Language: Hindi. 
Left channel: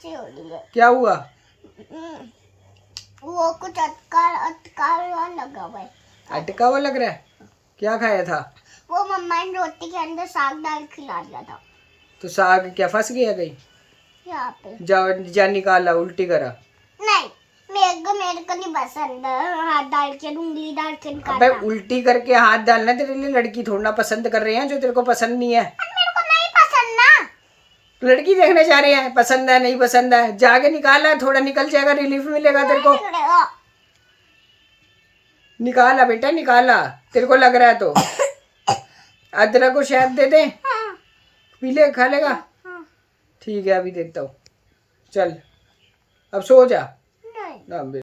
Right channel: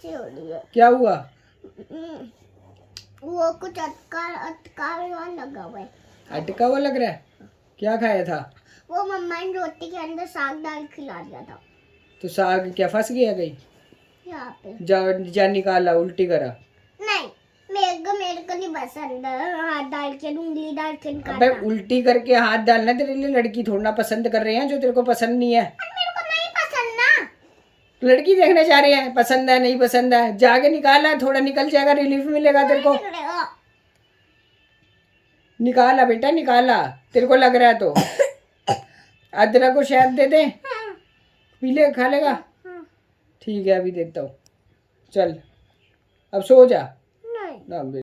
सी हो रही है। क्या हुआ? वो कुछ अटका अटका हुआ लगा हुआ है। अटका हुआ लग रहा है? क्या खाया था? वो मम्मा ने रोटी के अंदर साग डाल खिला दिया था। तो साग क्या फंस गया कहीं? यहाँ पे जा निकाला, उल्टी करा। नहीं, मेरे को नहीं पसंद हाथ डाल के उंगली डाल के अबे निकालना। उल्टी करके हाथ डालना तेरे लिए लड़की थोड़ा ना पसंद कर रहे हैं जो तेरे को पसंद नहीं है। मेरे को नहीं पसंद ना। लड़की देखने जा रहे हैं, पसंद है नहीं पसंद है, जाके निकाला, थोड़ा निकल जाएगा, रिलीफ मिलेगा तेरे को। निकाला बेटा निकाला, तेरे को लग रहा है तो। अदरक को शहद दे दे, पी ले, खा लेगा? ठीक है अभी देता हूँ, चल अब सो जा। नहीं। ना